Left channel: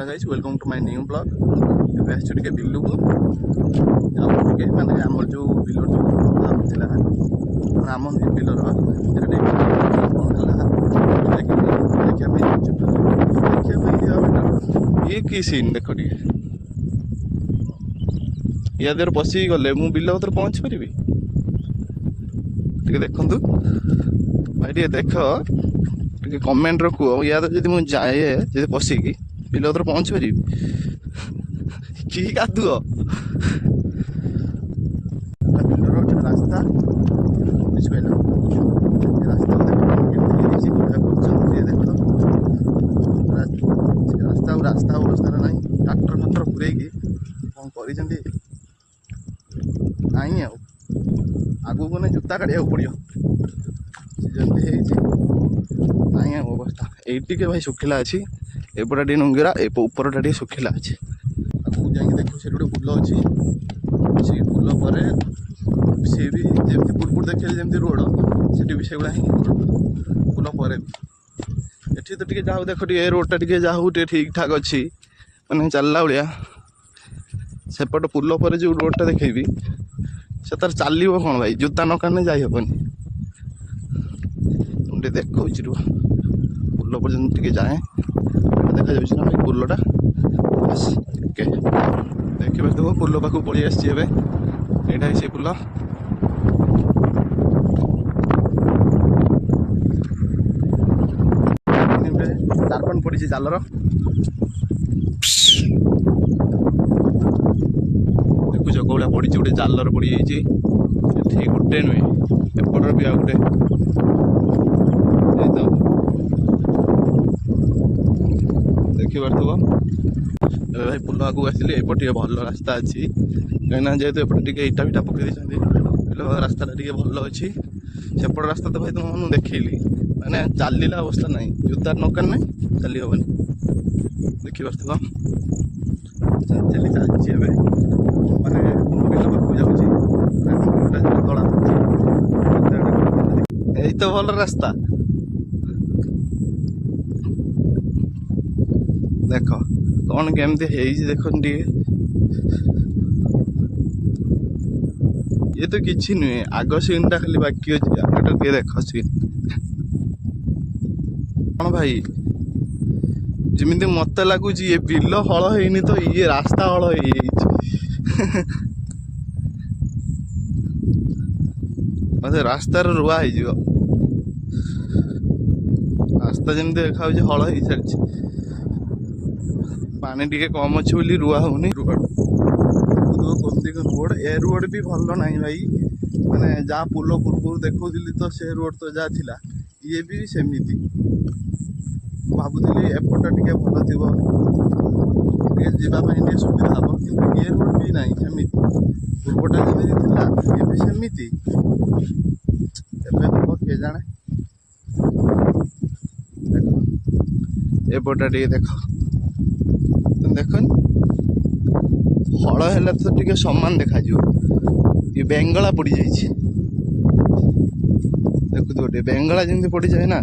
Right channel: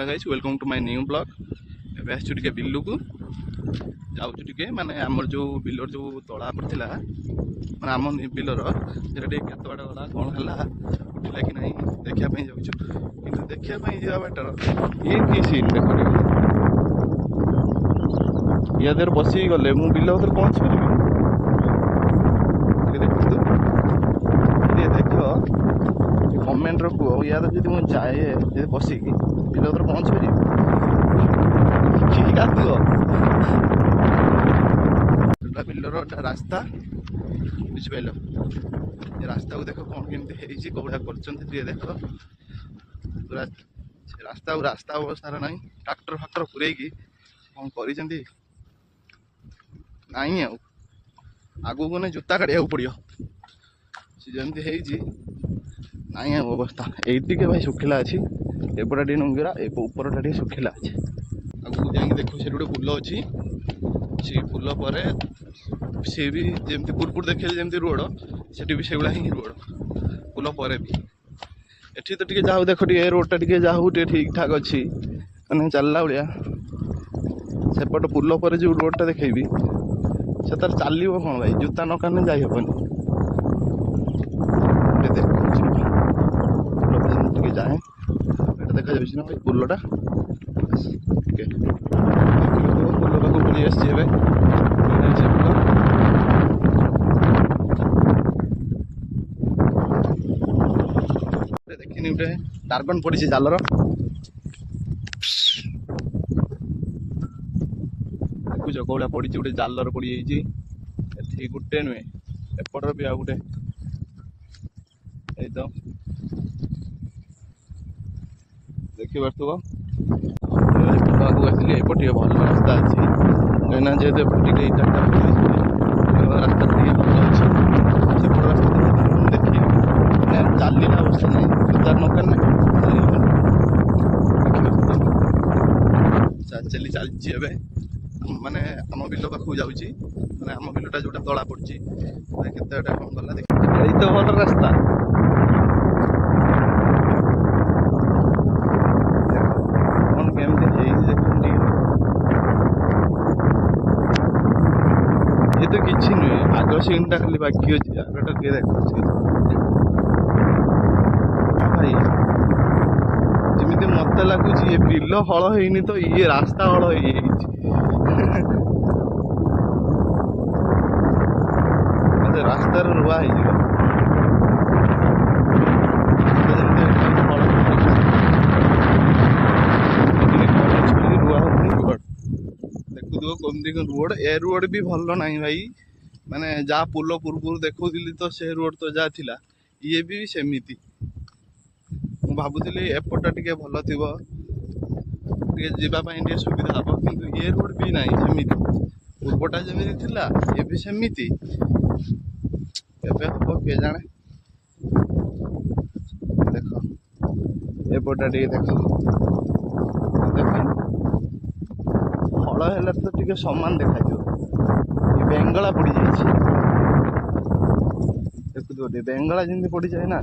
Hello guys welcome to my new blog. ଏବେ ଆସିଛୁ ଟିକେ ବିଲକୁ ଯାଉଛୁ ଟିକେ ମାନେ ଆମର ଯେଉଁ ବିଲର ଯେଉଁ ତଳା ଥିଲା ମାନେ ଆମ ବିଲର ସେଟା ଟିକେ କ'ଣ ହେଲା କି ନାହିଁ ଦେଖିବା ପାଇଁ ଯାଉଛୁ। କିନ୍ତୁ ଦେଖିବା ପାଇଁ ଯିବା ବେଟର ଇଏ କି ସିନ୍ ଦେଖ ଟିକେ ୟା ଦେହରେ ବସିକି ଗଲେ ମୁଁ ବିଲ ଭିତରେ ପହଞ୍ଚି ପାରିବି ଟିକେ ଦେଖନ୍ତୁ ଟିକେ ଦେଖ ଟିକେ କମେଣ୍ଟରେ କୁହ ୟା ଦେହରେ ଯଦି ମୁଁ ଯାଏ ଯଦି ବସିକି ବିଲ ଭିତରେ ପହଞ୍ଚି ପାରିବି କି କାଦୁଅ ବିଲର ରାସ୍ତା ବୁଝିପାରିଲ ଏ ରାସ୍ତାକୁ ଦେଖ କେମିତି ହେଇଛି କୋଉଟା କରୁଛନ୍ତି ଟିକେ ଦେଖ ସେ ରାସ୍ତା ଅବସ୍ଥାରେ ନାହିଁ ଟ୍ରାକ୍ଟର ଫାକ୍ଟର ପୁରେଇକି କ'ଣ କରିଛନ୍ତି ନାହିଁ ଆଉ ଆଗକୁ ଗଲେ ଜୋତା କାଢ଼ିବାକୁ ପଡ଼ିବ ସେ ଯେମିତି ହେଇଛି ନାହିଁ ଆଉ ଅବସ୍ଥା ଏଇଠି ଟିକେ ଭାଇ ଶୁଖିଲା ଅଛି ଏପଟା ଟିକେ ନୁଙ୍ଗିରା ଉପରଟା ଟିକେ ଶୁଖିଲା ଅଛି ଆଗକୁ ଯାଇକି ଦେଖୁ ସେଠି ଗୋଟେ ପୁଲ ଅଛି ସେ ପୁଲ ପରେ ସେ ବି ଯେମିତି ପୂର୍ବରୁ ଦେଖିଲେ ଯେମିତି ରୋଡ଼ ସେଠି ବି ସେଇଭଳିଆ ହିଁ ରୋଡ଼ ପୁଲ ପରେ ବି ଏଠି ତ ଟିକେ ଯାଉ ଦେଖ ଟିକେ ରୋଡ଼ଟା ଟିକେ ଯାଉ ଟିକେ ଠିକ୍ ଠାକ୍ ଅଛି ମାନେ ଚାଲିଲା ଭଳିଆ ସେପଟ ପୁଲ ପରେ ଯେଉଁ ରୋଡ଼ଟା ଦେଖେଇବି ସେ ତାର ଚାଲିବ କ'ଣ ଭାଇ ଜୋତା ନ କାନେ ଯାଇ ହେବନି ଟିକେ ଦେଖଉଛି ପୁଲ ପର୍ଯ୍ୟନ୍ତ ଟିକେ ଯାଏ ଦେଖାଯାଉଛି ନା ଭାଇ ପୁଲଟା ଟିକେ ଦେଖିପାରୁଥିବ ପୁଲ ପାଖକୁ ପଳେଇ ଆସିଛି ଏବେ ସେ ପୁଲ ଗୋଟେ ଟାର୍ପନ୍ ପଡ଼ିଛି ଜାଲର ଦେଖୁଛ କୋଉଟା ପଡ଼ିଛି ଗୋଟେ ଜାଲର ପଡ଼ିଯାଇଛି ଏଠି ଗୋଟେ ନୁହେଁ ଏପଟର ବି ଆଉ ଗୋଟେ ଦେଖିପାରୁଥିବ ଭାଇ ପୁଲ ଆଗକୁ ଆସିଲି ଏପଟେ ଟିକେ ଭଲ ରାସ୍ତା ଅଛି କାହିଁକିନା ଯେହେତୁ ଏପଟେ ଟିକେ ଇଟା ଫିଟା ପକେଇ ଦେଇଛି ରାସ୍ତାଟା ଟିକେ ଭଲ ଅଛି ସେପଟ ରାସ୍ତା ତ ଭାଇ ମୁଁ ଦେଖିଲି ମାନେ ଚାଲିଲା ଅବସ୍ଥା ନାହିଁ ଜୋତା ନକାର ନାହିଁ ଚାଲି ହେବନି ଦେଖିପାରୁଥିବ ଚାଲିଛି ଏବେ ମାନେ ଆମ ବିଲ ପାଖକୁ ଯାଉଛି ମାନେ ଆମ ବିଲଟା ଯେଉଁଟା ତଳା ପଡ଼ୁଛି ଏଇ ତ ଭଲ ରାସ୍ତା ଦେଖ କ'ଣ କେମିତି ହେଇଛି ଦେଖନ୍ତୁ ଟିକେ ଇଏ ତ କିଛି ନୁହେଁ ଆଗ ସିନ୍ଟା ଖାଲି ବାକି ଅଛି ଆଗଟା ଟିକେ ଦେଖ ସିନ୍ ହଁ ଭାଇ ଯେମିତି ମତେ ଲାଗୁଛି ଏ ବିଲ ହଳ ହେଇନି ତ ଇଏ ରାସ୍ତା ହଳ ହେଇଯାଇଛି ରାସ୍ତାର ରୁଆ ହେଇଯିବ ରାସ୍ତା ଯେମିତି ଦେଖାଯାଉଛି ହଳ ହେଇଯାଇଛି ଟିକେ କମ୍ ଅଛି ବୋଲି ରୁଆ ହଉନି ଦେଖୁଥିବ କେମିତି ରୋଡ଼ ଏ ରୋଡ଼ ବି ଭଲ ନାହିଁ ଭାଇ ମାନେ ଯାହା ପୋଲ ପୂର୍ବରୁ ଦେଖାଉଥିଲି ତ ସେ ରୋଡ଼ ତ ଯାହା ଥିଲା ଇଏ ବି ସେମିତି ମୁଁ ଭାବୁଥିଲି ଏପଟଟା ଟିକେ ଭଲ ଥିବ ଟିକେ ଯିବା ପାଇଁ ଟିକେ ସୁବିଧା ହେବ କିନ୍ତୁ ଏ ରୋଡ଼ ବି ନାହିଁ ସେମିତି ପୂର୍ବଟା ଯେମିତି ଥିଲା ଇଏ ବି ସେମିତି ଏବେ ହେବ କିଏ ଜାଣେ ଦେଖ ଏପଟଟା ଟିକେ ଦେଖ ଦେଖ ହଳ ହେଲା ତ ଟିକେ ସମାନ ଦେଖାଯିବ ଏ ବେଙ୍ଗଳା ପଡ଼ିଯାଇଛି ଦେଖୁଥିବ ଟିକେ ବେଙ୍ଗଳା ଯେମିତି ପଡ଼ିଯାଏ ନା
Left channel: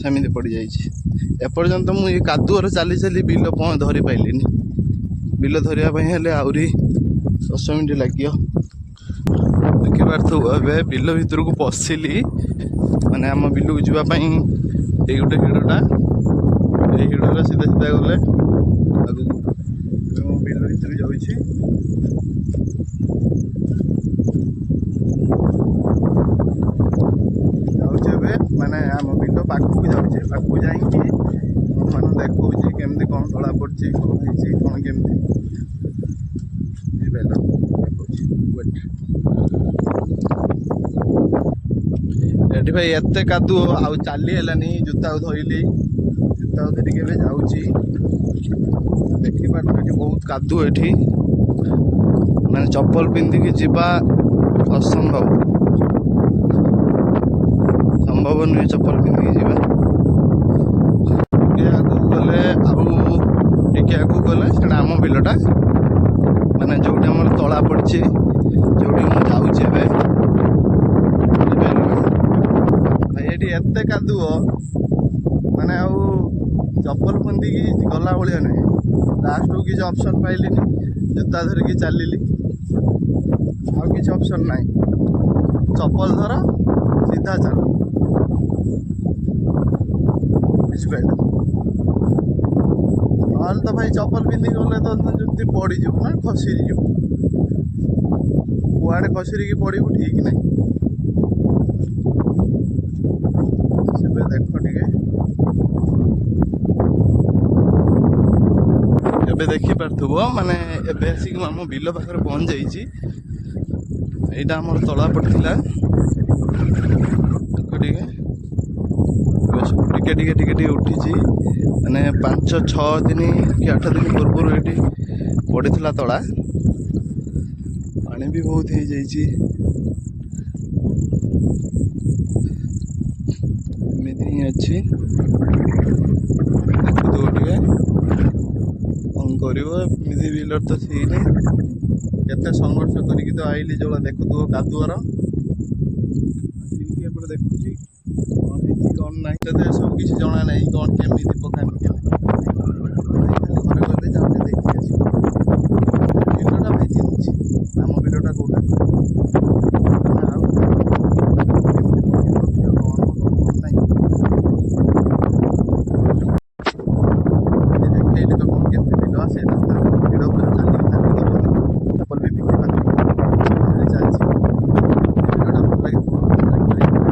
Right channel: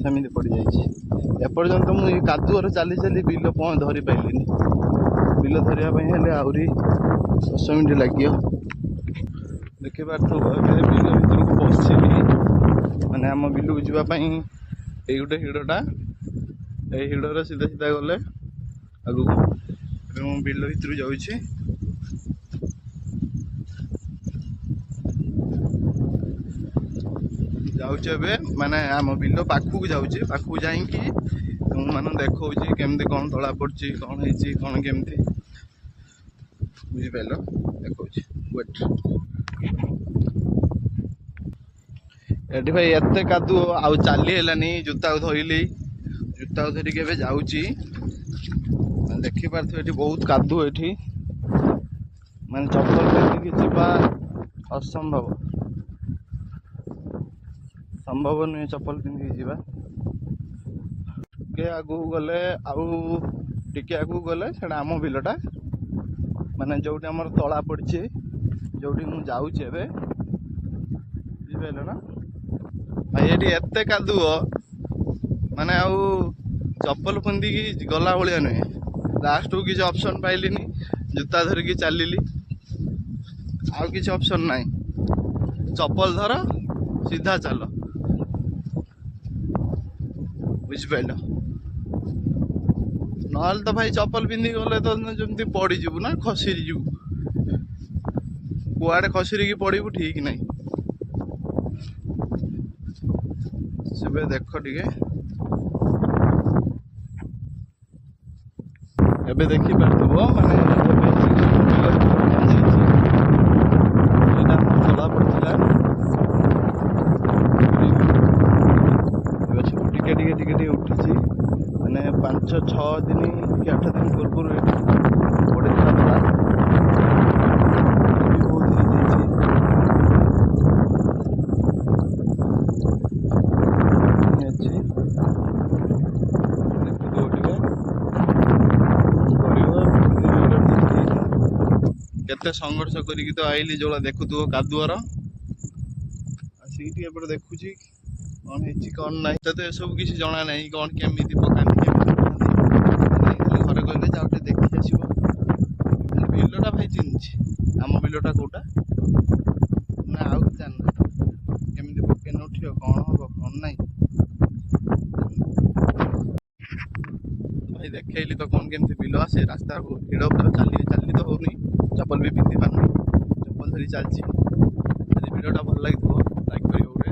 ସେମିତି ପଡ଼ିଯାଇଛି ଏପର୍ଯ୍ୟନ୍ତ ମୁଁ ଏ କାଦୁଅରେ ଚାଲି ଚାଲି ବିଲ ଧରି ପାଇଲିନି ବିଲ ଧରିବା ପାଇଁ ହେଲେ ଆହୁରି 10 ମିନିଟ୍ ଲାଗିବ ଦେଖିପାରୁଥିବ ଏବେ ବିଲ ଭିତରକୁ ପଶିଲି ମାନେ ଆମ ବିଲକୁ ଯିବା ପାଇଁ ଏଇ ଗୋଟେ ହିଡ଼ଟା ଏଇ ହିଡ଼ରେ ସିଧା ସିଧା ଗଲେ ଆଗକୁ ଏବେ ମୁଁ ବିଲ ଭିତରୁ ଯାଉଛି ଏବେ ମାନେ ଆମ ବିଲ ପାଖକୁ ଯାଉଛି ପାଖକୁ ଯାଇକି ତୁମମାନଙ୍କୁ ଦେଖାଉଛି କେମିତି କ'ଣ ତଳା ପଡ଼ୁଛି କ'ଣ ହେଇଛି କ'ଣ କେମିତି ବୁଝିପାରିଲ ଦେଖାଉଛି ୱେଟ୍ ଏଠି ଭାଇ ଏତେ କାଦୁଅ ଆଉ ଚାଲି ହେଲାନି ଜୋତାକୁ ଧରିଲି ଜୋତାକୁ ଧରିକି ଏବେ ଯାଉଛି ଦେଖିପାରୁଥିବ ଏଠି ବହୁତ କାଦୁଅ ଏଠି ମାନେ ଚପଲ ପିନ୍ଧିକି ଯିବା ଅସମ୍ଭବ ନୁହେଁ ଚପଲ ପିନ୍ଧିକି ଯିବା ଟିକେ ଆଗକୁ ଗଲେ ଆଉ ଟିକେ ଆଗକୁ ଗଲେ ସେଟା ଆମ ବିଲଟା ମାନେ ଯେଉଁଠି ଆମର ତଳା ପଡ଼ିଛି ଯେଉଁଠି ମୁଁ ଯାଉଛି ଏବେ ଭାଇ ଏଠି ଏତେ କାଦୁଅ ମାନେ ଆଉ ଚପଲ ପିନ୍ଧିକି ଗଲା ଭଳିଆ ନୁହେଁ ଲାଷ୍ଟକୁ କିଛି ଅପସନ୍ ପାଇଲିନି, ଜୋତା ଧରିକି ଚାଲିଲି। ଆଉ କିଛି ଅପସନ୍ ନାହିଁ, ଚପଲ ଧର ସିଧା ଚାଲ, ବୁଝିପାରିଲ। ନହେଲେ ତ ଭାଇ ଚପଲ ପିନ୍ଧିକି ଗଲେ ତ ଯେମିତି ପଡ଼ିଯିବୁ ନା, ଖସିଯିବୁ। କୁଆଡ଼େ ଖସିରିକି ପଡ଼ିବୁ ଠିକ୍ ନାହିଁ। ସେବେ ଦେଖ ଟିକେ, ଏବେ ଦେଖିପାରୁଥିବ ମାନେ ଏବେ ଆସିକି ଆମ ବିଲ ଭିତରେ ପହଞ୍ଚି ଯାଇଛି। ଏଇଟା ଆମର ତଳା ପଡ଼ିଥିଲା, ଟିକେ ଟିକେ ଟିକେ ଟିକେ ଉଠିଛି। ମାନେ 5-6 ଦିନ କି 8 ଦିନ ପୂର୍ବରୁ ଏଠି ପଡ଼ିଥିଲା ତଳା, ବି ବହୁତ ହେଇଯାଇଛି। ଅଛି ଦେଖୁଥିବ ଟିକେ କଣ କରିବ। ଏମିତି ବିଲର ତ ହେଇନି, କେତେ ସଂଘର୍ଷ କରିକି ତ ଆଇଲି। ଯୋଉଟା ଦେଖୁଥିବ କାଦୁଅର, ଆସିକି ଟିକେ ଏପଟେ ଦେଖୁଛି କ'ଣ ହେଇଛି କ'ଣ ନାହିଁ। ତତେ ଏସବୁ କିଛି ଜଣା ନାହିଁ, କ'ଣ କେମିତି ପକାନ୍ତି କେମିତି ଖାଲି ଘରେ କହିଲେ ଯାଉ ଟିକେ ଦେଖିକି ଆସିବ। ବିଲଟା ଭାଇ ଚିହ୍ନିଛି, ଆମ ବିଲଟା କୋଉଟା ଆଉ କେମିତି ପକେଇ ନଥିବ, କ'ଣ ହବ କ'ଣ ନାହିଁ। ଦେଖେଇଲି ତ କ'ଣ କେମିତି ବିଲ ଆସେ। ରାସ୍ତା ଭିଡ଼ ପୁରା ଚାଲି ତ ହଉନି, ଚପଲ ବି ପିନ୍ଧି ପାରୁନି, ଚପଲ ଧରି ଚାଲିଛି। ଭିଡ଼ିଓଟା ଭଲ ଲାଗିଥିବ ଲାଇକ୍ କରିକି।